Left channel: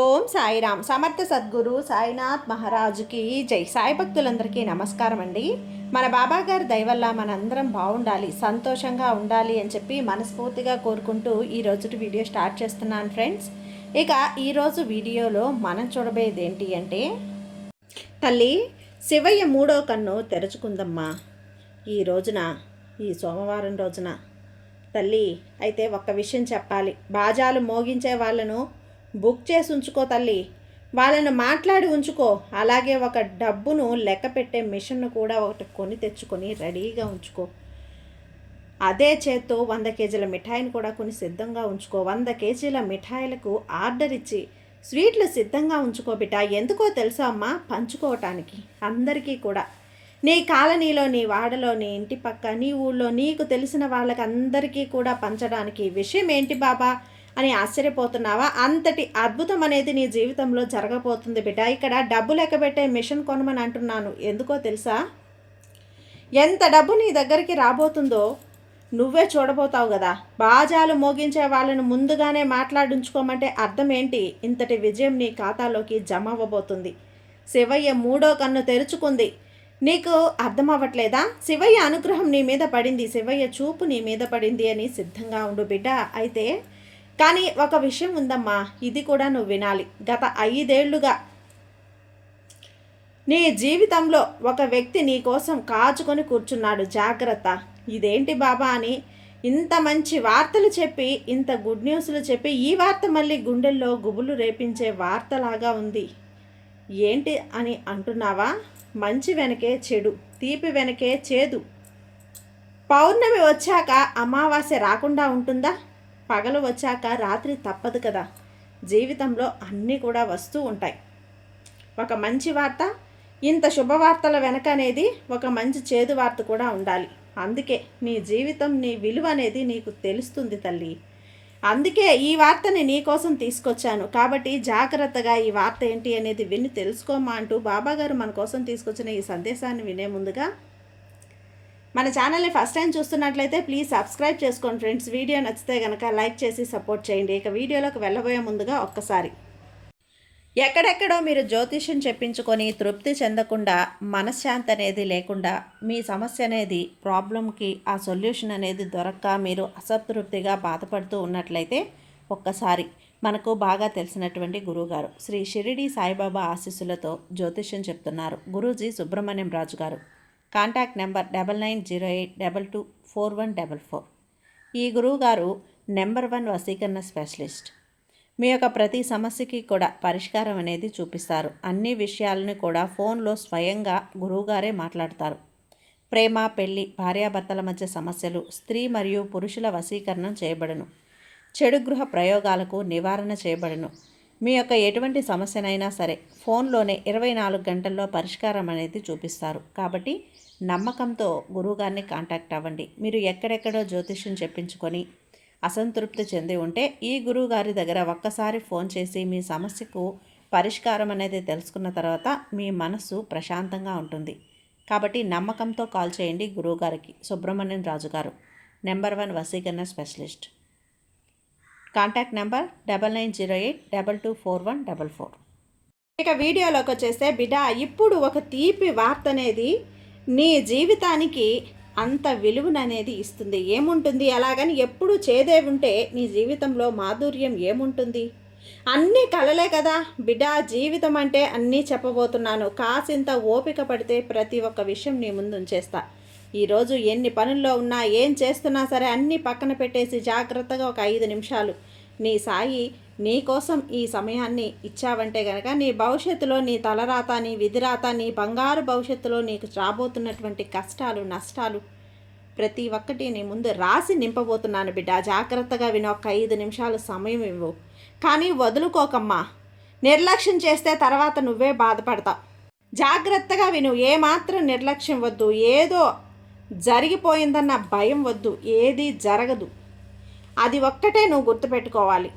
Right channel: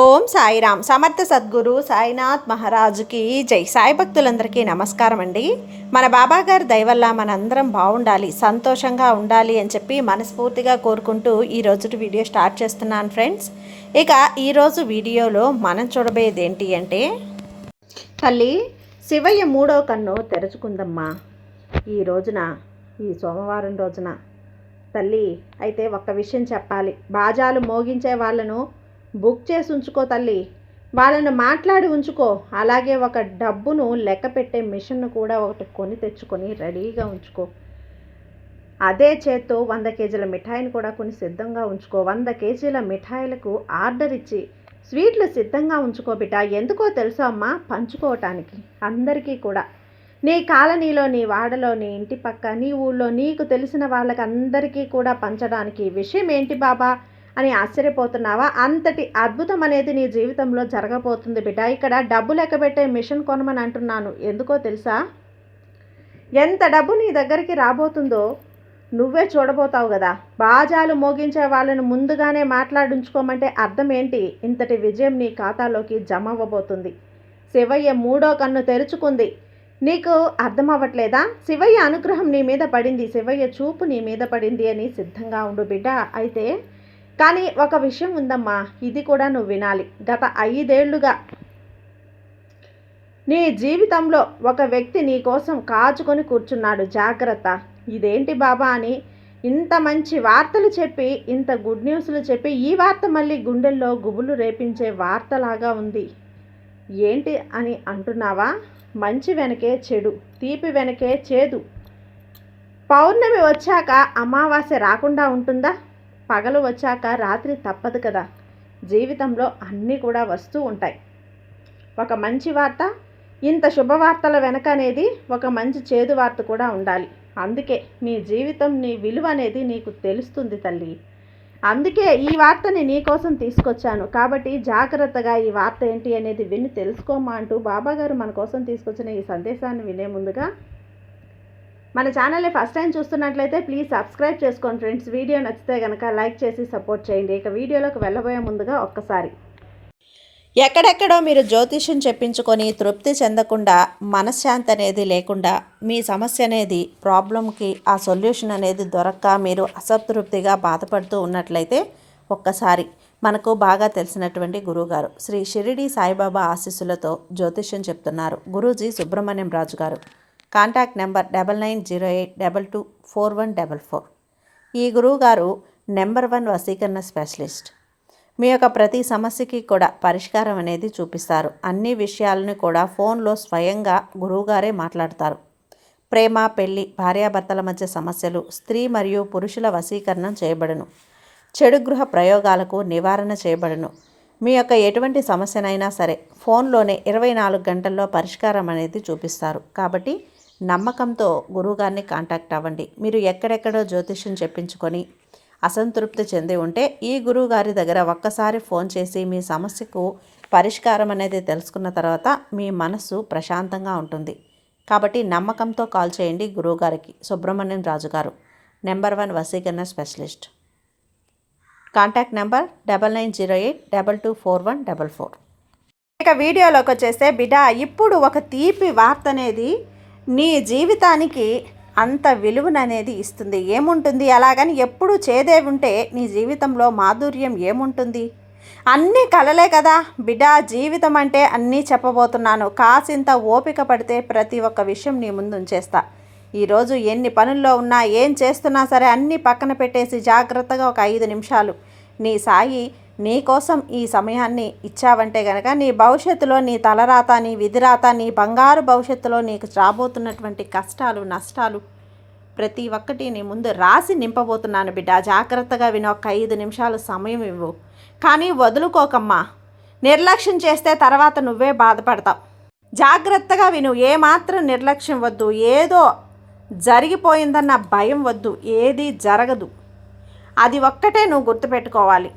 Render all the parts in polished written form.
ఓం సాయిరామ్. సమర్థ సద్గురు సాయినాథ్ మహారాజుకి జై. సాయి భక్తులందరికీ నమస్కారం అండి. మన బాబాగారి దయవల్ల మనందరం బాగుండాలి, సంతోషంగా ఉండాలి అని చెప్పి మనస్ఫూర్తిగా కోరుకుంటూ ఈరోజు వీడియో స్టార్ట్ చేస్తున్నాను ఫ్రెండ్స్. ఇక ఈరోజు వీడియోలో మనం చూడబోయేది ఏంటి అంటే, తల్లి శివయ్య మూడో కన్ను తెరుచుకుందమ్మా ఈ రోజున, ఈ సోమవారం రోజున. తల్లి అయితే ఒక్క విషయం చెప్పాలి, బాజాలు మోగించే వాళ్ళను బుక్ చేసి ఉంచుకో తల్లి, వాళ్ళను మాట్లాడి ఉంచుకో. అలాగే ఒక డబ్బును లెక్క పెట్టే మిషన్ను కూడా ఒకటి కొని తెచ్చుకొని రెడీగా ఉంచుకో. అదే చేత్తో 100 కేజీల మిఠాయిని కూడా కొని సిద్ధంగా ఉంచుకో. 100 కేజీల మిఠాయిలకు ఆర్డర్ ఇచ్చి స్వీట్లు సిద్ధంగా ఉంచుకో బిడ్డ. ఎందుకో తెలుసా అమ్మా, పంచుకోవటానికి అందరికీ కూడా. నీ కాలనీలో, నీ వాడలో, నీ ఇంటి పక్క, నీ ఊళ్ళో నీకు తెలిసిన వాళ్ళకి అందరికీ కూడా పంచడానికి. విషయం ఏంటి బాబా అని ఆశ్చర్యపోతున్నావా? అంతటి అద్భుతం అనేది నీ జీవితంలో జరగబోతుంది బిడ్డ. ఇక్కడ డబ్బు లెక్కబెట్టే మిషన్ కొనమని అంటున్నాను. ఎందుకో తెలుసా? ఎంత డబ్బు నీ దగ్గరికి రాబోతుందో నువ్వే చూడబోతావు కదా. బాజాలు మోగించే వాళ్ళను ముందుగానే మాట్లాడించుకోమంటే అర్థం ఏంటి? ఇంతటి విజయం నీ ఖాతాలోకి జమ అవ్వబోతుంది. శివయ్య మూడో కన్ను తెరుచుకుంది. నీకు అర్థం అవ్వట్లేదా? శివయ్య అనుగ్రహం నీ మీద పడింది, శివయ్య చూపు నీ మీద పడింది అని సిద్ధంగా ఉండు బిడ్డ. అయితే కానీ ఒక విషయం ఉందమ్మా, ఇది కూడా నువ్వు వినాలి. గత 5 ఏళ్లుగా నీ జీవితంలో ఒక వ్యక్తి నీ కోసం కాచుకొని కూర్చున్నాడు. జాగ్రత్త. ఇదేంటి బాబా అని ఇంత మంచి వార్తలు చెప్పి, ఇంత గుడ్ న్యూస్లు చెప్పి, ఈ వార్త మళ్ళీ గుండెల్లో గుబులు రేపించే వార్తలాగా ఉంది. ఏంటి అని అంటున్నావా? మంచి వెనకే చెడు, తీపి వెనకే చేదు. పౌర్ణమి వచ్చాక అమావాస్య రాకుండా ఉంటుందా? పగలు వచ్చాక రాత్రి తప్పదు కదా. జీవితంలో అన్నీ కూడా వస్తూ ఉంటాయి. ఒక మంచి వార్త, ఇంత శుభవార్తల వెనక అనేది ఒక మంచి చేదు వార్త కూడా ఉండాలి. అందుకే నీ జీవితం, నీ విలువ అనేది నీకు తెలుస్తుంది తల్లి. అందుకే ఈ వార్తని నీ కోసం తీసుకొచ్చాను. కాబట్టి జాగ్రత్తగా ఈ వార్త ఏంటి అనేది విని తెలుసుకోమా అంటూ బాబాగారు మన కోసం తీసుకొచ్చిన ఈ సందేశాన్ని వినే ముందుగా మన ఛానల్ని ఫస్ట్ టైం చూస్తున్నట్లయితే ప్లీజ్ సబ్స్క్రైబ్ చేసుకోండి ఫ్రెండ్స్. వీడియో నచ్చితే కనుక లైక్ చేసి సపోర్ట్ చేయండి. ఇక వీడియోలోకి వెళ్ళబోయే ముందుగా ఒక్కసారి, ఎక్కడెక్కడో మీరు జ్యోతిష్యం చెప్పించుకొని తృప్తి చెందకుండా, మనశ్శాంతి అనేది లేకుండా, మీ సమస్య అనేది, ప్రాబ్లంకి ఆ సొల్యూషన్ అనేది దొరక్క మీరు అసంతృప్తిగా బాధపడుతూ ఉన్నట్లయితే ఒక్కసారి మనకు బాగా తెలిసినటువంటి గురువుగారు శ్రీ షిరిడి సాయిబాబా ఆశీస్సులతో జ్యోతిష్యం చెప్తున్నారు గురూజీ సుబ్రహ్మణ్యం రాజు గారు. Contact number 9908224144. ఈ గురువుగారు నెంబర్ 1 వశీకరణ స్పెషలిస్ట్. మీ యొక్క ప్రతి సమస్యకి కూడా పరిష్కారం అనేది చూపిస్తారు. అన్ని విషయాలను కూడా ఫోన్లో స్వయంగా గురువుగారే మాట్లాడతారు. ప్రేమ, పెళ్లి, భార్యాభర్తల మధ్య సమస్యలు, స్త్రీ మరియు పురుషుల వశీకరణం చేయబడును. చెడు గృహ ప్రయోగాలకు నివారణ చేయబడును. మీ యొక్క ఎటువంటి సమస్యనైనా సరే ఫోన్లోనే 24 గంటల్లో పరిష్కారం అనేది చూపిస్తారు. కాబట్టి నమ్మకంతో గురువుగారిని కాంటాక్ట్ అవ్వండి. మీరు ఎక్కడెక్కడో జ్యోతిష్యం చెప్పించుకొని అసంతృప్తి చెంది ఉంటే ఈ గురువుగారి దగ్గర ఒక్కసారి ఫోన్ చేసి మీ సమస్యకు పరిష్కారం అనేది తెలుసుకున్న తర్వాత మీ మనసు ప్రశాంతంగా ఉంటుంది. కాబట్టి నమ్మకంతో కాల్ చేయండి గురువుగారికి. సుబ్రహ్మణ్యం రాజు గారు, నెంబర్ 1 వశీకరణ స్పెషలిస్ట్. Contact number 9908224144. ఇక వీడియోలోకి వచ్చేస్తే బిడ్డ, ఇప్పుడు ఒక తీపి వార్త అనేది నీ జీవితానికి అంత విలువననేది ఇస్తుంది. ఏముంటుంది అలాగని ఎప్పుడు చేదే ఉంటే నీ జీవితంలో మాధుర్యం ఏముంటుంది? అన్నీ కలలే కదా బిడ్డ. జీవితం అంటే అన్నీ చెప్పబోతున్నాను. కాసింత ఓపిక పడితే ప్రతి ఒక్క విషయం నీ ముందు ఉంచేస్తా. ఈరోజు ఎన్ని పనుల్లో ఉన్నా, ఏం చేస్తున్నా సరే అన్నీ పక్కన పెట్టేసి జాగ్రత్తగా ఒక 5 నిమిషాలు నీ సాయి నీ కోసం ఈ సమయాన్ని ఇచ్చావంటే గనక నీ భవిష్యత్తులో, నీ తలరాత, నీ విధిరాత, నీ బంగారు భవిష్యత్తులో నీకు రాబోతున్నటువంటి కష్టాలు, నష్టాలు ప్రతి ఒక్కటి నీ ముందు రాసి నింపబోతున్నాను బిడ్డ. జాగ్రత్తగా విని ఒక 5 నిమిషాలు సమయం ఇవ్వు. కానీ వదులుకోకమ్మా. నిర్లక్ష్యం చేస్తే తర్వాత నువ్వే బాధపడతావు. జాగ్రత్తగా విను. ఏమాత్రం నిర్లక్ష్యం వద్దు. ఏదో జరిగిపోయిందన్న భయం వద్దు. ఏది జరగదు. అది ఒక్కటే నువ్వు గుర్తుపెట్టుకోవాలి.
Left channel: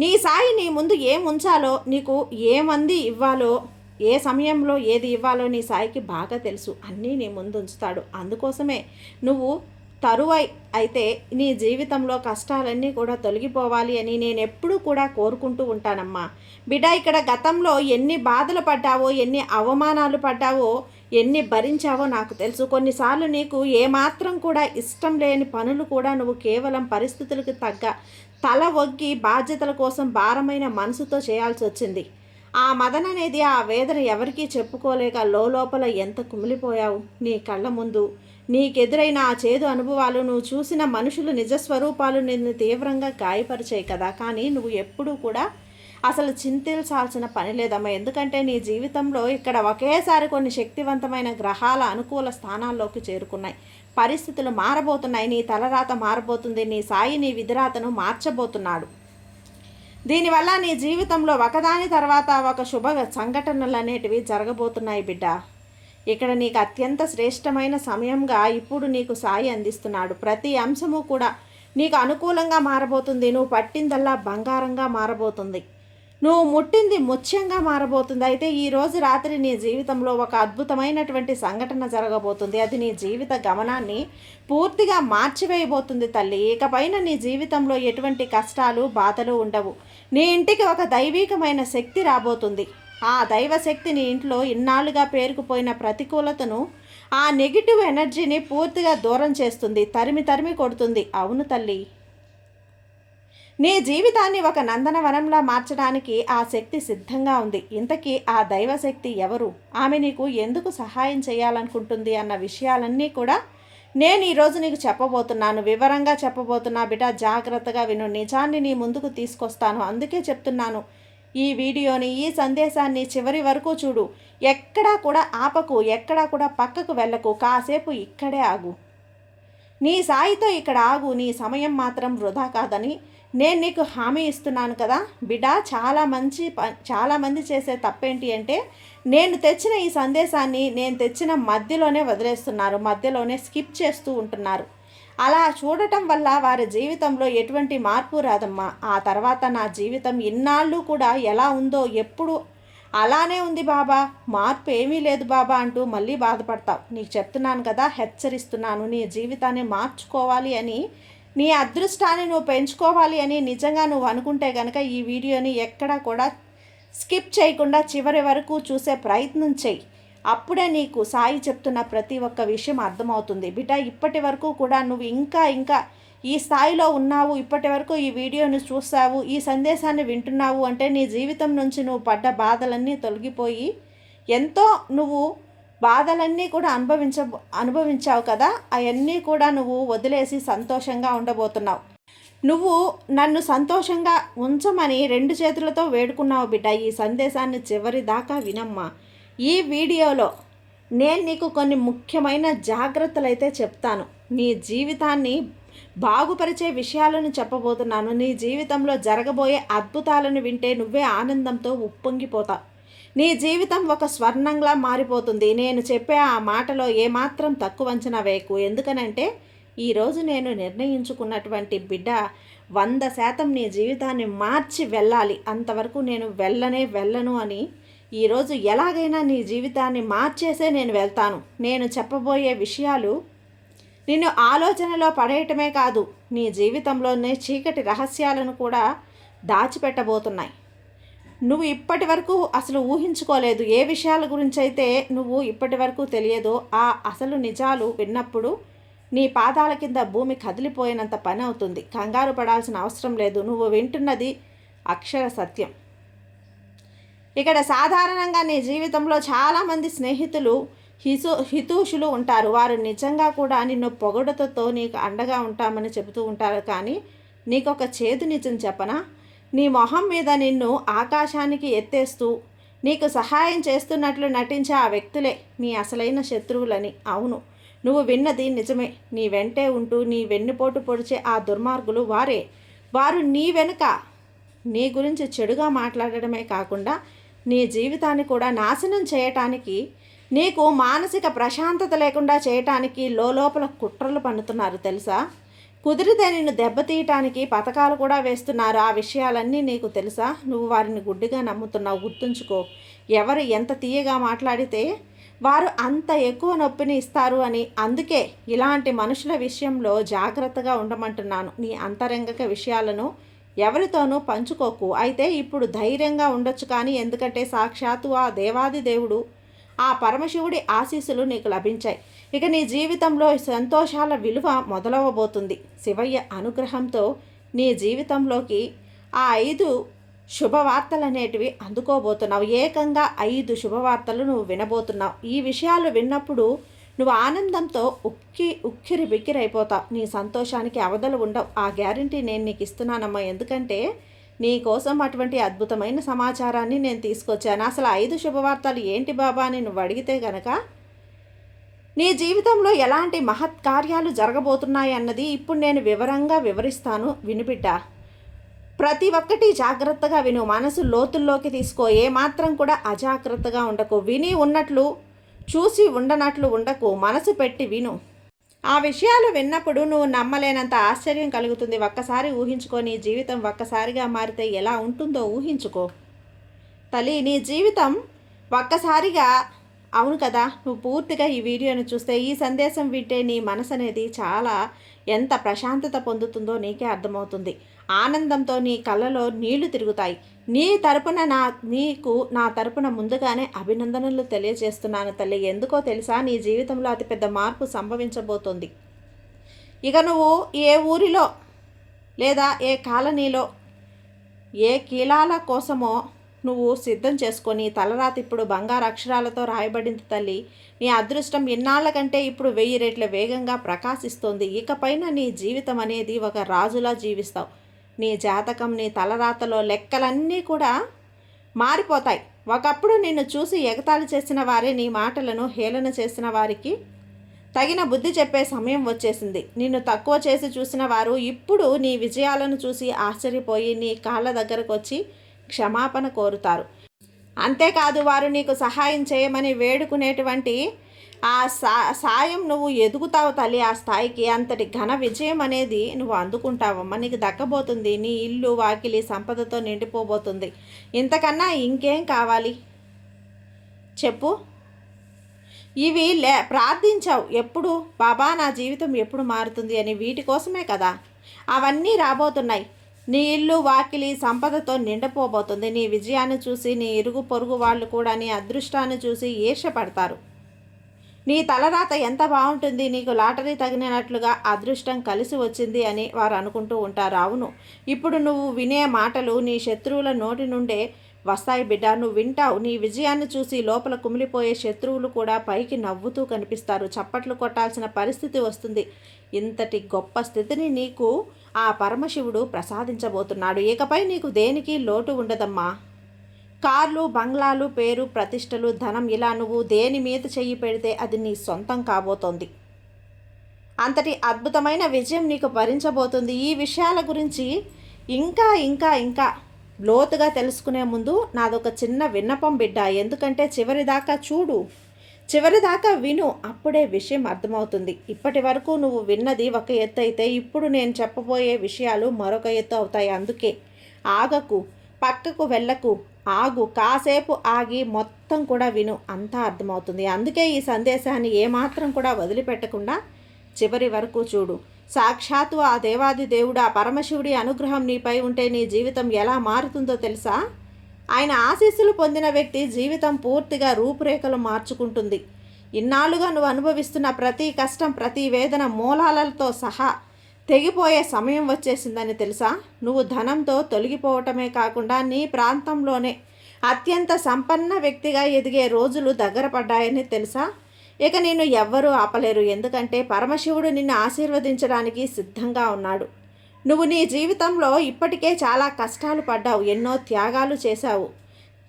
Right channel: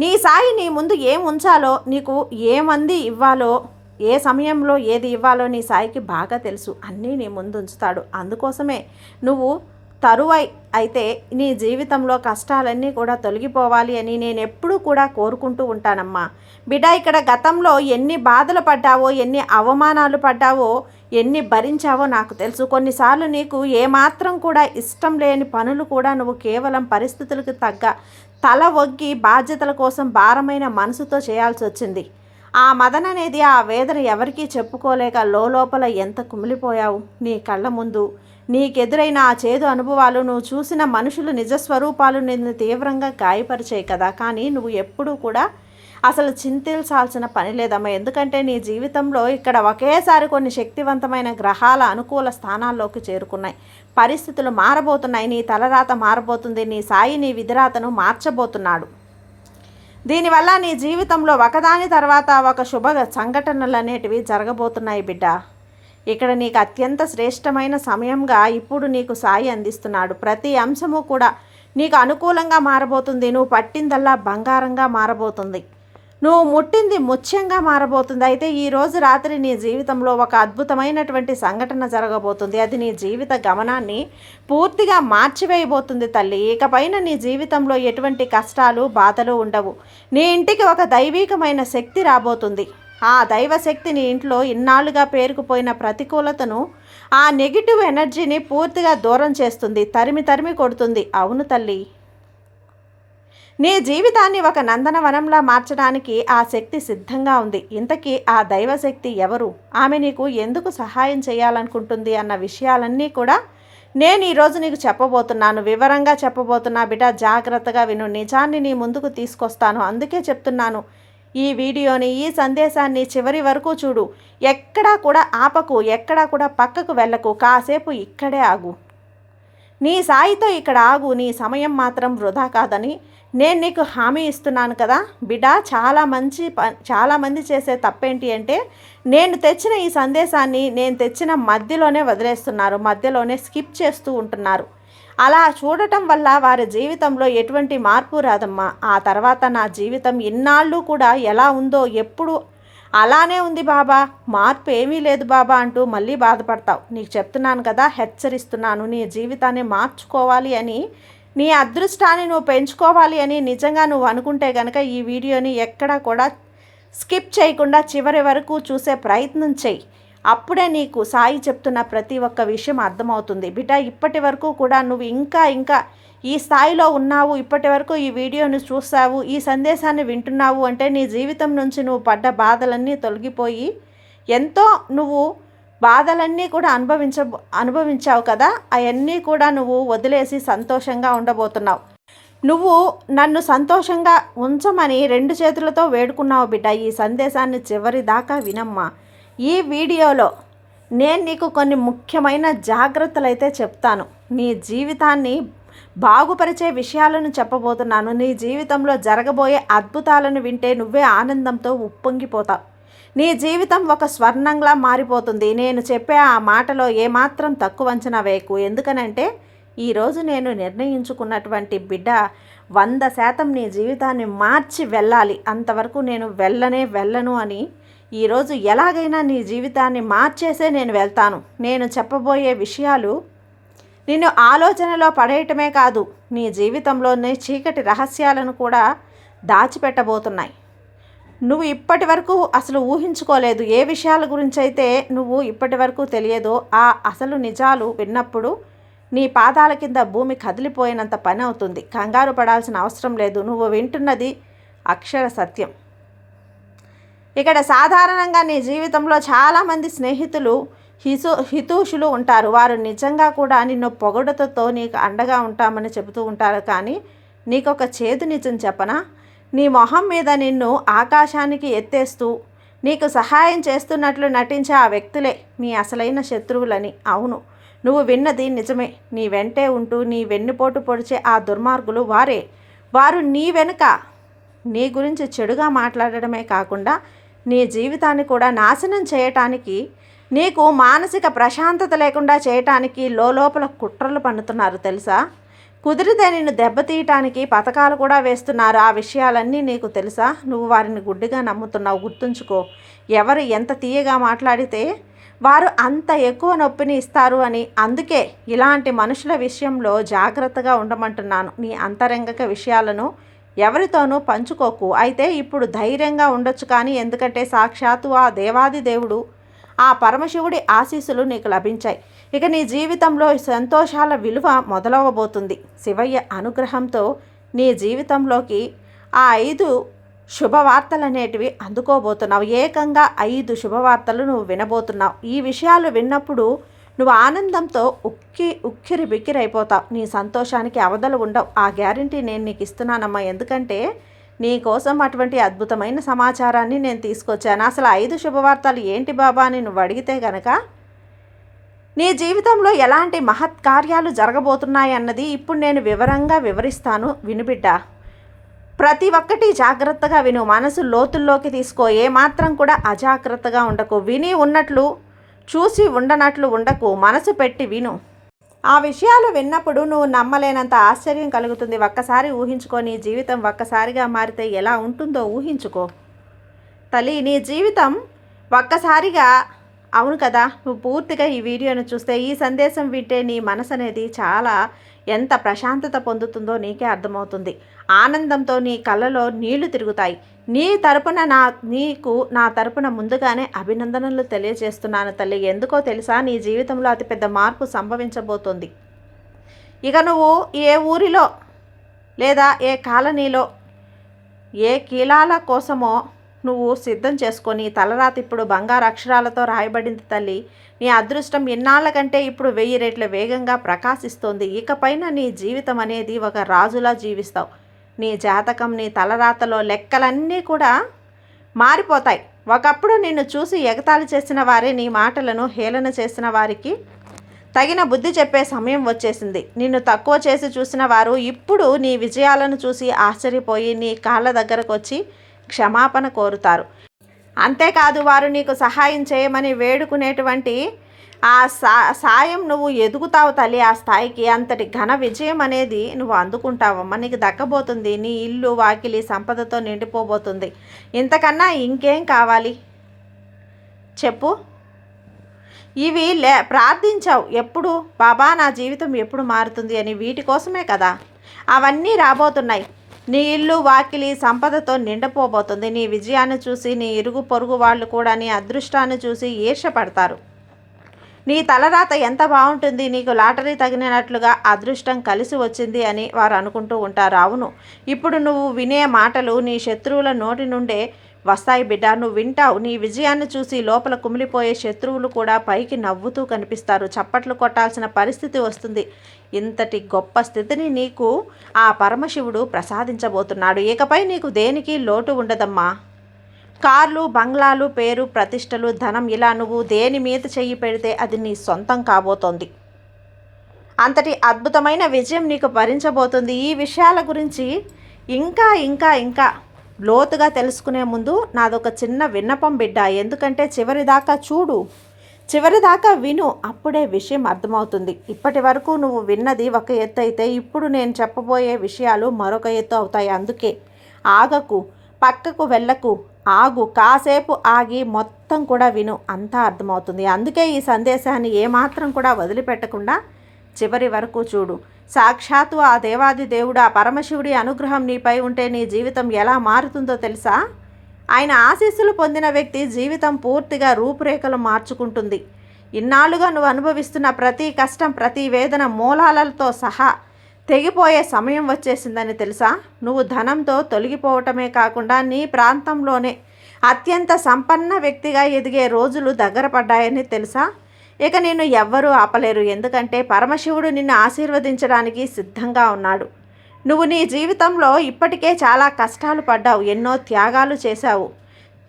నీ సాయి నీ ముందు ఏం ఉంచాలో, నీకు ఏమంది ఇవ్వాలో, ఏ సమయంలో ఏది ఇవ్వాలో నీ సాయికి బాగా తెలుసు. అన్నీ నీ ముందు ఉంచుతాడు. అందుకోసమే నువ్వు తరువై అయితే నీ జీవితంలో కష్టాలన్నీ కూడా తొలగిపోవాలి అని నేను ఎప్పుడూ కూడా కోరుకుంటూ ఉంటానమ్మా. బిడ్డ, ఇక్కడ గతంలో ఎన్ని బాధలు పడ్డావో, ఎన్ని అవమానాలు పడ్డావో, ఎన్ని భరించావో నాకు తెలుసు. కొన్నిసార్లు నీకు ఏమాత్రం కూడా ఇష్టం లేని పనులు కూడా నువ్వు కేవలం పరిస్థితులకు తగ్గ తల ఒగ్గి బాధ్యతల కోసం భారమైన మనసుతో చేయాల్సి వచ్చింది. ఆ మదన అనేది, ఆ వేదన ఎవరికీ చెప్పుకోలేక లోపల ఎంత కుమిలిపోయావు. నీ కళ్ళ ముందు నీకెదురైన ఆ చేదు అనుభవాలు, నువ్వు చూసిన మనుషులు నిజస్వరూపాలు నిన్ను తీవ్రంగా గాయపరిచాయి కదా. కానీ నువ్వు ఎప్పుడూ కూడా అసలు చింతించాల్సిన పని లేదమ్మా. ఎందుకంటే నీ జీవితంలో ఇక్కడ ఒకేసారి కొన్ని శక్తివంతమైన గ్రహాల అనుకూల స్థానాల్లోకి చేరుకున్నాయి. పరిస్థితులు మారబోతున్నాయి. నీ తలరాత మారబోతుంది. నీ సాయి నీ విధిరాతను మార్చబోతున్నాడు. దీనివల్ల నీ జీవితంలో ఒకదాని తర్వాత ఒక శుభ సంఘటనలు అనేటివి జరగబోతున్నాయి బిడ్డ. ఇక్కడ నీకు అత్యంత శ్రేష్టమైన సమయంగా ఇప్పుడు నీకు సాయి అందిస్తున్నాడు. ప్రతి అంశము కూడా నీకు అనుకూలంగా మారబోతుంది. నువ్వు పట్టిందల్లా బంగారంగా మారబోతుంది. నువ్వు ముట్టింది ముత్యంగా మారబోతుంది. అయితే ఈరోజు రాత్రి నీ జీవితంలో ఒక అద్భుతమైనటువంటి సంఘటన జరగబోతుంది. అది నీ జీవిత గమనాన్ని పూర్తిగా మార్చివేయబోతుంది తల్లి. ఇకపైన నీ జీవితంలో ఎటువంటి కష్టాలు బాధలు ఉండవు. నీ ఇంటికి ఒక దైవికమైన శక్తి రాబోతుంది. ఆ దైవశక్తి నీ ఇంట్లో ఇన్నాళ్ళుగా పేరుకుపోయిన ప్రతికూలతను, ఆ నెగిటివ్ ఎనర్జీని పూర్తిగా దూరం చేస్తుంది, తరిమి కొడుతుంది. అవును తల్లి, నీ జీవితాన్ని ఒక నందనవనంలా మార్చడానికి ఆ శక్తి సిద్ధంగా ఉంది. ఇంతకీ ఆ దైవశక్తి ఎవరు? ఆమె నీకు ఎందుకు సహాయం చేయాలనుకుంటుంది అన్న విషయాలన్నీ కూడా నేను ఈరోజు నీకు చెప్పబోతున్నాను. వివరంగా చెప్పబోతున్నా బిడ్డ. జాగ్రత్తగా విను. నిజాన్ని నీ ముందుకు తీసుకొస్తాను. అందుకే చెప్తున్నాను, ఈ వీడియోని, ఈ సందేశాన్ని చివరి వరకు చూడు. ఎక్కడా కూడా ఆపకు, ఎక్కడా కూడా పక్కకు వెళ్ళకు. కాసేపు ఇక్కడే ఆగు. నీ సాయితో ఇక్కడ ఆగు. నీ సమయం మాత్రం వృధా కాదని నేను నీకు హామీ ఇస్తున్నాను కదా బిడ్డ. చాలామంది చేసే తప్పేంటి అంటే, నేను తెచ్చిన ఈ సందేశాన్ని నేను తెచ్చిన మధ్యలోనే వదిలేస్తున్నారు, మధ్యలోనే స్కిప్ చేస్తూ ఉంటున్నారు. అలా చూడటం వల్ల వారి జీవితంలో ఎటువంటి మార్పు రాదమ్మా. ఆ తర్వాత నా జీవితం ఇన్నాళ్ళు కూడా ఎలా ఉందో, ఎప్పుడు అలానే ఉంది బాబా, మార్పు ఏమీ లేదు బాబా అంటూ మళ్ళీ బాధపడతావు. నీకు చెప్తున్నాను కదా, హెచ్చరిస్తున్నాను. నీ జీవితాన్ని మార్చుకోవాలి అని, నీ అదృష్టాన్ని నువ్వు పెంచుకోవాలి అని నిజంగా నువ్వు అనుకుంటే కనుక ఈ వీడియోని ఎక్కడా కూడా స్కిప్ చేయకుండా చివరి వరకు చూసే ప్రయత్నం చేయి. అప్పుడే నీకు సాయి చెప్తున్న ప్రతి ఒక్క విషయం అర్థమవుతుంది బిడ్డ. ఇప్పటి వరకు కూడా నువ్వు ఇంకా ఈ స్థాయిలో ఉన్నావు, ఇప్పటి వరకు ఈ వీడియోని చూస్తావు, ఈ సందేశాన్ని వింటున్నావు అంటే నీ జీవితం నుంచి నువ్వు పడ్డ బాధలన్నీ తొలగిపోయి, ఎంతో నువ్వు బాధలన్నీ కూడా అనుభవించావు కదా, అవన్నీ కూడా నువ్వు వదిలేసి సంతోషంగా ఉండబోతున్నావు. నువ్వు నన్ను సంతోషంగా ఉంచమని 2 చేతులతో వేడుకున్నావు బిడ్డ. ఈ సందేశాన్ని చివరి దాకా వినమ్మా. ఈ వీడియోలో నేను నీకు కొన్ని ముఖ్యమైన జాగ్రత్తలు అయితే చెప్తాను. నీ జీవితాన్ని బాగుపరిచే విషయాలను చెప్పబోతున్నాను. నీ జీవితంలో జరగబోయే అద్భుతాలను వింటే నువ్వే ఆనందంతో ఉప్పొంగిపోతావు. నీ జీవితం ఒక స్వర్ణంలా మారిపోతుంది. నేను చెప్పే ఆ మాటలో ఏమాత్రం తక్కువ అంచనా వేయకు. ఎందుకనంటే ఈరోజు నేను నిర్ణయించుకున్నటువంటి బిడ్డ 100% నీ జీవితాన్ని మార్చి వెళ్ళాలి. అంతవరకు నేను వెళ్ళను అని ఈరోజు ఎలాగైనా నీ జీవితాన్ని మార్చేసే నేను వెళ్తాను. నేను చెప్పబోయే విషయాలు నిన్ను ఆలోచనలో పడేయటమే కాదు, నీ జీవితంలోనే చీకటి రహస్యాలను కూడా దాచిపెట్టబోతున్నాయి. నువ్వు ఇప్పటి వరకు అసలు ఊహించుకోలేదు. ఏ విషయాల గురించి అయితే నువ్వు ఇప్పటి వరకు తెలియదో ఆ అసలు నిజాలు విన్నప్పుడు నీ పాదాల కింద భూమి కదిలిపోయినంత పని అవుతుంది. కంగారు పడాల్సిన అవసరం లేదు. నువ్వు వింటున్నది అక్షర సత్యం. ఇక్కడ సాధారణంగా నీ జీవితంలో చాలామంది స్నేహితులు, హితూషులు ఉంటారు. వారు నిజంగా కూడా నిన్ను పొగడుతో నీకు అండగా ఉంటామని చెబుతూ ఉంటారు. కానీ నీకు ఒక చేదు నిజం చెప్పనా? నీ మొహం మీద నిన్ను ఆకాశానికి ఎత్తేస్తూ నీకు సహాయం చేస్తున్నట్లు నటించే ఆ వ్యక్తులే నీ అసలైన శత్రువులని. అవును, నువ్వు విన్నది నిజమే. నీ వెంటే ఉంటూ నీ వెన్నుపోటు పొడిచే ఆ దుర్మార్గులు వారే. వారు నీ వెనుక నీ గురించి చెడుగా మాట్లాడడమే కాకుండా నీ జీవితాన్ని కూడా నాశనం చేయటానికి, నీకు మానసిక ప్రశాంతత లేకుండా చేయటానికి లోపల కుట్రలు పన్నుతున్నారు తెలుసా. కుదిరితే నిన్ను దెబ్బతీయటానికి పథకాలు కూడా వేస్తున్నారు. ఆ విషయాలన్నీ నీకు తెలుసా? నువ్వు వారిని గుడ్డిగా నమ్ముతున్నావు. గుర్తుంచుకో, ఎవరు ఎంత తీయగా మాట్లాడితే వారు అంత ఎక్కువ నొప్పిని ఇస్తారు అని. అందుకే ఇలాంటి మనుషుల విషయంలో జాగ్రత్తగా ఉండమంటున్నాను. నీ అంతరంగిక విషయాలను ఎవరితోనూ పంచుకోకు. అయితే ఇప్పుడు ధైర్యంగా ఉండొచ్చు, కానీ ఎందుకంటే సాక్షాత్తు ఆ దేవాది దేవుడు, ఆ పరమశివుడి ఆశీస్సులు నీకు లభించాయి. ఇక నీ జీవితంలో సంతోషాల విలువ మొదలవబోతుంది. శివయ్య అనుగ్రహంతో నీ జీవితంలోకి ఆ 5 శుభవార్తలు అనేటివి అందుకోబోతున్నావు. ఏకంగా 5 శుభవార్తలు నువ్వు వినబోతున్నావు. ఈ విషయాలు విన్నప్పుడు నువ్వు ఆనందంతో ఉక్కిరి బిక్కిరైపోతావు. నీ సంతోషానికి అవధులు ఉండవు. ఆ గ్యారంటీ నేను నీకు ఇస్తున్నానమ్మా. ఎందుకంటే నీ కోసం అటువంటి అద్భుతమైన సమాచారాన్ని నేను తీసుకొచ్చాను. అసలు 5 శుభవార్తలు ఏంటి బాబా అని నువ్వు అడిగితే గనక, నీ జీవితంలో ఎలాంటి మహత్కార్యాలు జరగబోతున్నాయి అన్నది ఇప్పుడు నేను వివరంగా వివరిస్తాను. వినుబిడ్డ, ప్రతి ఒక్కటి జాగ్రత్తగా విను. మనసు లోతుల్లోకి తీసుకో. ఏమాత్రం కూడా అజాగ్రత్తగా ఉండకు. విని ఉన్నట్లు, చూసి ఉండనట్లు ఉండకు. మనసు పెట్టి విను. ఆ విషయాలు విన్నప్పుడు నువ్వు నమ్మలేనంత ఆశ్చర్యం కలుగుతుంది. ఒక్కసారి ఊహించుకో, నీ జీవితం ఒక్కసారిగా మారితే ఎలా ఉంటుందో ఊహించుకో. తల్లి, నీ జీవితం ఒక్కసారిగా, అవును కదా, నువ్వు పూర్తిగా ఈ వీడియోను చూస్తే, ఈ సందేశం వింటే నీ మనసు అనేది చాలా ఎంత ప్రశాంతత పొందుతుందో నీకే అర్థమవుతుంది. ఆనందంతో నీ కళ్ళలో నీళ్లు తిరుగుతాయి. నీకు నా తరపున ముందుగానే అభినందనలు తెలియజేస్తున్నాను తల్లి. ఎందుకో తెలుసా, నీ జీవితంలో అతిపెద్ద మార్పు సంభవించబోతోంది. ఇక నువ్వు ఏ ఊరిలో లేదా ఏ కాలనీలో ఏ కీలాల కోసమో నువ్వు సిద్ధం చేసుకొని, తలరాత ఇప్పుడు బంగారు అక్షరాలతో రాయబడింది తల్లి. నీ అదృష్టం ఇన్నాళ్ల కంటే ఇప్పుడు 1000 రెట్ల వేగంగా ప్రకాశిస్తోంది. ఇకపైన నీ జీవితం అనేది ఒక రాజులా జీవిస్తావు. నీ జాతకం, నీ తలరాతలో లెక్కలన్నీ కూడా మారిపోతాయి. ఒకప్పుడు నిన్ను చూసి ఎగతాళి చేసిన వారే నీ మాటలను హేళన చేసిన వారికి తగిన బుద్ధి చెప్పే సమయం వచ్చేసింది. నిన్ను తక్కువ చేసి చూసిన వారు ఇప్పుడు నీ విజయాలను చూసి ఆశ్చర్యపోయి నీ కాళ్ళ దగ్గరకు వచ్చి క్షమాపణ కోరుతారు. అంతేకాదు, వారు నీకు సహాయం చేయమని వేడుకునేటువంటి ఆ సాయం నువ్వు ఎదుగుతావు తల్లి. ఆ స్థాయికి అంతటి ఘన విజయం అనేది నువ్వు అందుకుంటావమ్మా. నీకు దక్కబోతుంది. నీ ఇల్లు వాకిలి సంపదతో నిండిపోబోతుంది. ఇంతకన్నా ఇంకేం కావాలి చెప్పు? ఇవి ప్రార్థించావు ఎప్పుడు, బాబా నా జీవితం ఎప్పుడు మారుతుంది అని. వీటి కోసమే కదా అవన్నీ రాబోతున్నాయి. నీ ఇల్లు వాకిలి సంపదతో నిండిపోబోతుంది. నీ విజయాన్ని చూసి నీ ఇరుగు పొరుగు వాళ్ళు కూడా నీ అదృష్టాన్ని చూసి ఈర్ష్యపడతారు. నీ తలరాత ఎంత బాగుంటుంది, నీకు లాటరీ తగినట్లుగా అదృష్టం కలిసి వచ్చింది అని వారు అనుకుంటూ ఉంటారు. అవును, ఇప్పుడు నువ్వు వినే మాటలు నీ శత్రువుల నోటి నుండే వస్తాయి బిడ్డ. నువ్వు వింటావు. నీ విజయాన్ని చూసి లోపల కుమిలిపోయే శత్రువులు కూడా పైకి నవ్వుతూ కనిపిస్తారు. చప్పట్లు కొట్టాల్సిన పరిస్థితి వస్తుంది. ఇంతటి గొప్ప స్థితిని నీకు ఆ పరమశివుడు ప్రసాదించబోతున్నాడు. ఇకపై నీకు దేనికి లోటు ఉండదమ్మా. కార్లు, బంగ్లాలు, పేరు, ప్రతిష్టలు, ధనం, ఇలా నువ్వు దేని మీద చెయ్యి పెడితే అది నీ సొంతం కాబోతోంది. అంతటి అద్భుతమైన విజయం నీకు భరించబోతుంది. ఈ విషయాల గురించి ఇంకా ఇంకా ఇంకా లోతుగా తెలుసుకునే ముందు నాదొక చిన్న విన్నపం బిడ్డ. ఎందుకంటే చివరిదాకా చూడు, చివరిదాకా విను, అప్పుడే విషయం అర్థమవుతుంది. ఇప్పటి వరకు నువ్వు విన్నది ఒక ఎత్తు అయితే ఇప్పుడు నేను చెప్పబోయే విషయాలు మరొక ఎత్తు అవుతాయి. అందుకే ఆగకు, పక్కకు వెళ్ళకు, ఆగు, కాసేపు ఆగి మొత్తం కూడా విను, అంతా అర్థమవుతుంది. అందుకే ఈ సందేశాన్ని ఏమాత్రం కూడా వదిలిపెట్టకుండా చివరి వరకు చూడు. సాక్షాత్తు ఆ దేవాది దేవుడు, ఆ పరమశివుడి అనుగ్రహం నీపై ఉంటే నీ జీవితం ఎలా మారుతుందో తెలుసా? ఆయన ఆశీస్సులు పొందిన వ్యక్తి జీవితం పూర్తిగా రూపురేఖలు మార్చుకుంటుంది. ఇన్నాళ్ళుగా నువ్వు అనుభవిస్తున్న ప్రతి కష్టం, ప్రతి వేదన మూలాలతో సహా తెగిపోయే సమయం వచ్చేసిందని తెలుసా? నువ్వు ధనంతో తొలగిపోవటమే కాకుండా నీ ప్రాంతంలోనే అత్యంత సంపన్న వ్యక్తిగా ఎదిగే రోజులు దగ్గర పడ్డాయని తెలుసా? ఇక నిన్ను ఎవ్వరూ ఆపలేరు. ఎందుకంటే పరమశివుడు నిన్ను ఆశీర్వదించడానికి సిద్ధంగా ఉన్నాడు. నువ్వు నీ జీవితంలో ఇప్పటికే చాలా కష్టాలు పడ్డావు, ఎన్నో త్యాగాలు చేశావు,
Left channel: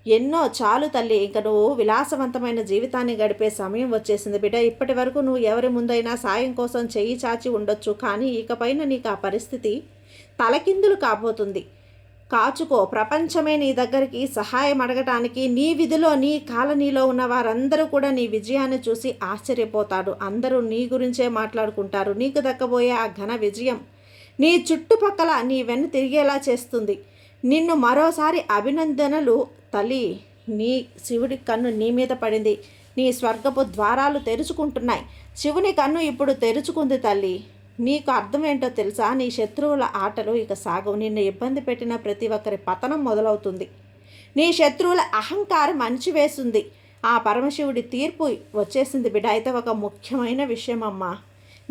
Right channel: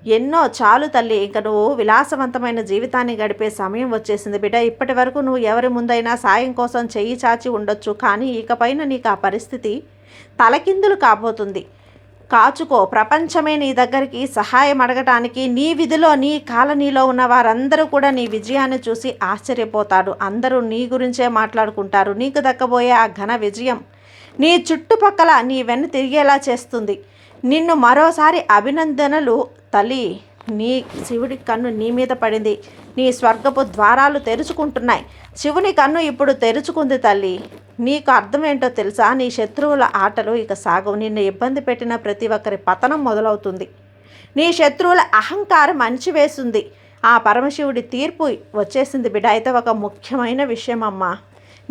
ఎన్నో చాలు తల్లి. ఇంక నువ్వు విలాసవంతమైన జీవితాన్ని గడిపే సమయం వచ్చేసింది బిడ్డ. ఇప్పటి వరకు నువ్వు ఎవరి ముందైనా సాయం కోసం చెయ్యి చాచి ఉండొచ్చు, కానీ ఇకపైన నీకు ఆ పరిస్థితి తలకిందులు కాబోతుంది. కాచుకో. ప్రపంచమే నీ దగ్గరికి సహాయం అడగటానికి, నీ విధిలో నీ కాలనీలో ఉన్న వారందరూ కూడా నీ విజయాన్ని చూసి ఆశ్చర్యపోతారు. అందరూ నీ గురించే మాట్లాడుకుంటారు. నీకు దక్కబోయే ఆ ఘన విజయం నీ చుట్టుపక్కల నీ వెన్ను తిరిగేలా చేస్తుంది. నిన్ను మరోసారి అభినందనలు తల్లి. నీ శివుడి కన్ను నీ మీద పడింది. నీ స్వర్గపు ద్వారాలు తెరుచుకుంటున్నాయి. శివుని కన్ను ఇప్పుడు తెరుచుకుంది తల్లి. నీకు అర్థమేంటో తెలుసా? నీ శత్రువుల ఆటలు ఇక సాగవు. నిన్ను ఇబ్బంది పెట్టిన ప్రతి ఒక్కరి పతనం మొదలవుతుంది. నీ శత్రువుల అహంకారం అణిచివేస్తుంది. ఆ పరమశివుడి తీర్పు వచ్చేసింది బిడ్డ. అయితే ఒక ముఖ్యమైన విషయం అమ్మా,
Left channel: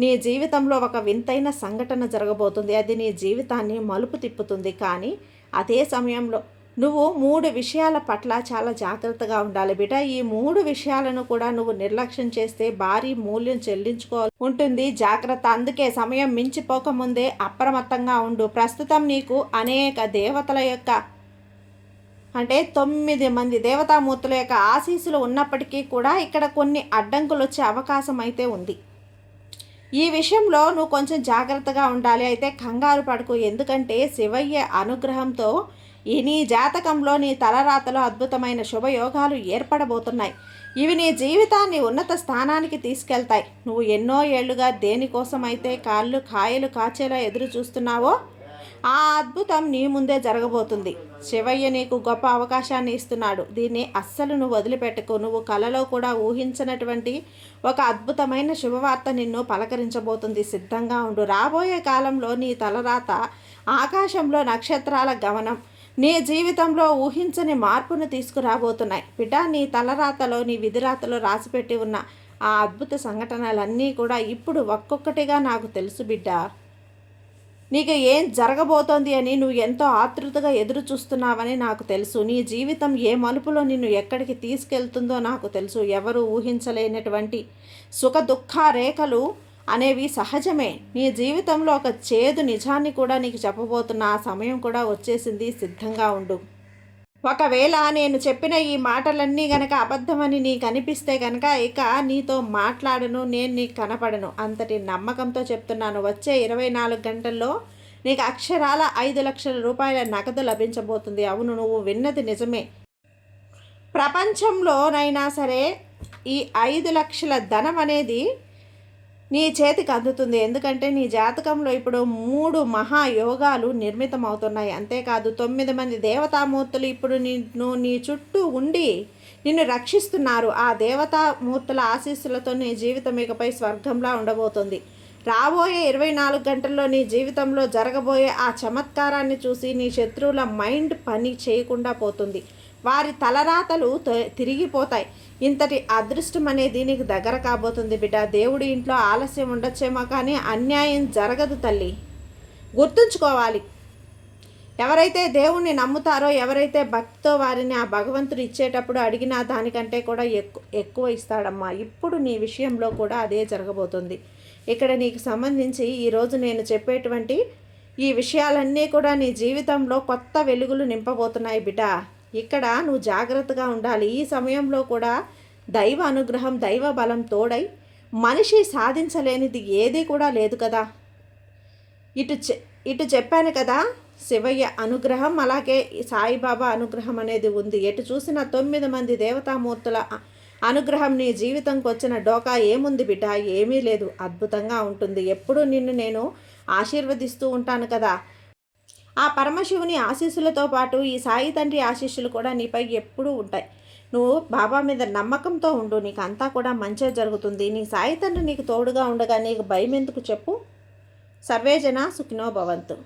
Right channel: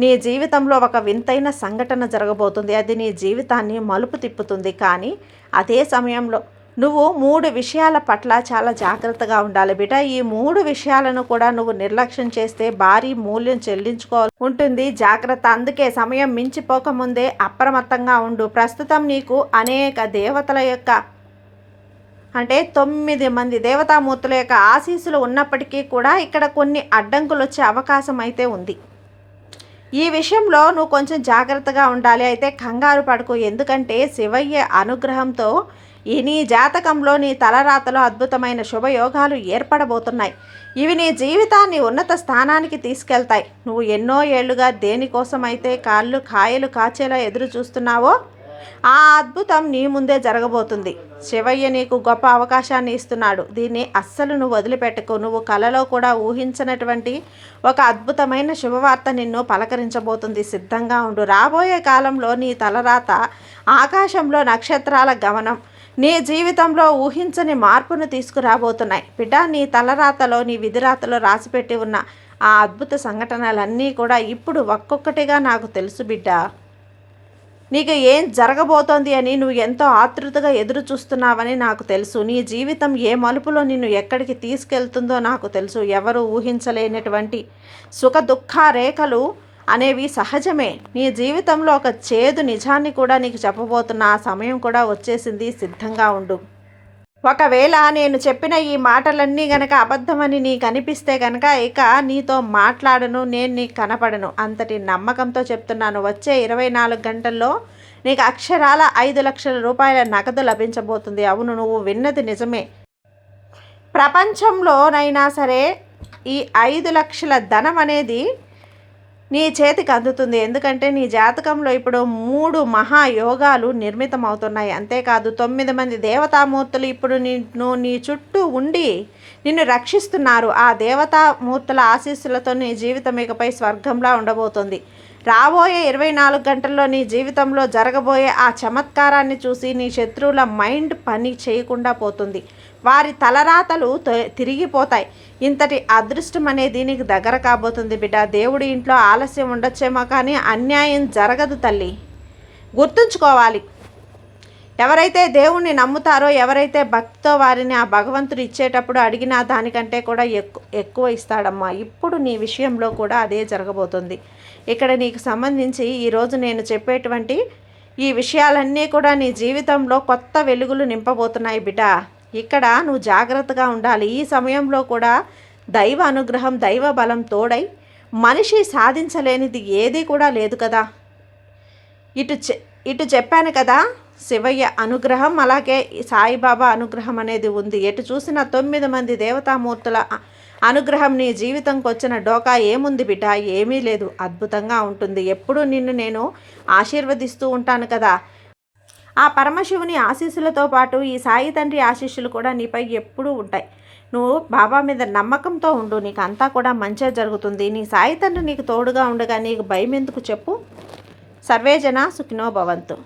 నీ జీవితంలో ఒక వింతైన సంఘటన జరగబోతుంది. అది నీ జీవితాన్ని మలుపు తిప్పుతుంది. కానీ అదే సమయంలో నువ్వు 3 విషయాల పట్ల చాలా జాగ్రత్తగా ఉండాలి బిడ్డ. ఈ 3 విషయాలను కూడా నువ్వు నిర్లక్ష్యం చేస్తే భారీ మూల్యం చెల్లించుకోవాలి ఉంటుంది. జాగ్రత్త. అందుకే సమయం మించిపోకముందే అప్రమత్తంగా ఉండు. ప్రస్తుతం నీకు అనేక దేవతల యొక్క అంటే 9 మంది దేవతామూర్తుల యొక్క ఆశీస్సులు ఉన్నప్పటికీ కూడా ఇక్కడ కొన్ని అడ్డంకులు వచ్చే అవకాశం అయితే ఉంది. ఈ విషయంలో నువ్వు కొంచెం జాగ్రత్తగా ఉండాలి. అయితే కంగారు పడకు. ఎందుకంటే శివయ్య అనుగ్రహంతో నీ జాతకంలో నీ తలరాతలో అద్భుతమైన శుభయోగాలు ఏర్పడబోతున్నాయి. ఇవి నీ జీవితాన్ని ఉన్నత స్థానానికి తీసుకెళ్తాయి. నువ్వు ఎన్నో ఏళ్లుగా దేనికోసమైతే కాయలు కాచేలా ఎదురు చూస్తున్నావో ఆ అద్భుతం నీ ముందే జరగబోతుంది. శివయ్య నీకు గొప్ప అవకాశాన్ని ఇస్తున్నాడు. దీన్ని అస్సలు నువ్వు వదిలిపెట్టకు. నువ్వు కలలో కూడా ఊహించినటువంటి ఒక అద్భుతమైన శుభవార్త నిన్ను పలకరించబోతుంది. సిద్ధంగా ఉండు. రాబోయే కాలంలో నీ తలరాత ఆకాశంలో నక్షత్రాల గమనం నీ జీవితంలో ఊహించని మార్పును తీసుకురాబోతున్నాయి. బిడ్డ, నీ తలరాతలో నీ విధిరాతలో రాసిపెట్టి ఉన్న ఆ అద్భుత సంఘటనలన్నీ కూడా ఇప్పుడు ఒక్కొక్కటిగా నాకు తెలుసు బిడ్డ. నీకు ఏం జరగబోతోంది అని నువ్వు ఎంతో ఆతృతగా ఎదురు చూస్తున్నావని నాకు తెలుసు. నీ జీవితం ఏ మలుపులో నిన్ను ఎక్కడికి తీసుకెళ్తుందో నాకు తెలుసు. ఎవరు ఊహించలేనటువంటి సుఖ దుఃఖ రేఖలు అనేవి సహజమే. నీ జీవితంలో ఒక చేదు నిజాన్ని కూడా నీకు చెప్పబోతున్న ఆ సమయం కూడా వచ్చేసింది. సిద్ధంగా ఉండు. ఒకవేళ నేను చెప్పిన ఈ మాటలన్నీ గనక అబద్ధమని నీకు అనిపిస్తే గనక ఇక నీతో మాట్లాడను, నేను నీకు కనపడను. అంతటి నమ్మకంతో చెప్తున్నాను. వచ్చే 24 గంటల్లో నీకు అక్షరాల 5 లక్షల రూపాయల నగదు లభించబోతుంది. అవును, నువ్వు విన్నది నిజమే. ప్రపంచంలోనైనా సరే ఈ 5 లక్షల ధనం అనేది నీ చేతికి అందుతుంది. ఎందుకంటే నీ జాతకంలో ఇప్పుడు 3 మహాయోగాలు నిర్మితం అవుతున్నాయి. అంతేకాదు 9 మంది దేవతామూర్తులు ఇప్పుడు నీ చుట్టూ ఉండి నిన్ను రక్షిస్తున్నారు. ఆ దేవతామూర్తుల ఆశీస్సులతో నీ జీవితం ఇకపై స్వర్గంలా ఉండబోతుంది. రాబోయే 24 గంటల్లో నీ జీవితంలో జరగబోయే ఆ చమత్కారాన్ని చూసి నీ శత్రువుల మైండ్ పని చేయకుండా పోతుంది. వారి తలరాతలు తిరిగిపోతాయి. ఇంతటి అదృష్టం అనేది నీకు దగ్గర కాబోతుంది బిడ్డ. దేవుడి ఇంట్లో ఆలస్యం ఉండొచ్చేమో కానీ అన్యాయం జరగదు తల్లి. గుర్తుంచుకోవాలి. ఎవరైతే దేవుణ్ణి నమ్ముతారో, ఎవరైతే భక్తితో వారిని ఆ భగవంతుడు ఇచ్చేటప్పుడు అడిగిన దానికంటే కూడా ఎక్కువ ఇస్తాడమ్మా. ఇప్పుడు నీ విషయంలో కూడా అదే జరగబోతుంది. ఇక్కడ నీకు సంబంధించి ఈరోజు నేను చెప్పేటువంటి ఈ విషయాలన్నీ కూడా నీ జీవితంలో కొత్త వెలుగులు నింపబోతున్నాయి బిడ్డ. ఇక్కడ నువ్వు జాగ్రత్తగా ఉండాలి. ఈ సమయంలో కూడా దైవ అనుగ్రహం, దైవ బలం తోడై మనిషి సాధించలేనిది ఏదీ కూడా లేదు కదా. ఇటు చెప్పాను కదా, శివయ్య అనుగ్రహం, అలాగే సాయిబాబా అనుగ్రహం అనేది ఉంది. ఎటు చూసిన 9 మంది దేవతామూర్తుల అనుగ్రహం నీ జీవితంకి వచ్చిన డోకా ఏముంది బిడ్డ? ఏమీ లేదు. అద్భుతంగా ఉంటుంది. ఎప్పుడు నిన్ను నేను ఆశీర్వదిస్తూ ఉంటాను కదా. ఆ పరమశివుని ఆశీస్సులతో పాటు ఈ సాయి తండ్రి ఆశీస్సులు కూడా నీపై ఎప్పుడూ ఉంటాయి. నువ్వు బాబా మీద నమ్మకంతో ఉండు. నీకు అంతా కూడా మంచిగా జరుగుతుంది. నీ సాయి తండ్రి నీకు తోడుగా ఉండగా నీకు భయం ఎందుకు చెప్పు. సర్వేజన సుఖినో భవంతు.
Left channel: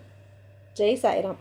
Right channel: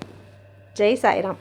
జై సాయిరామ్.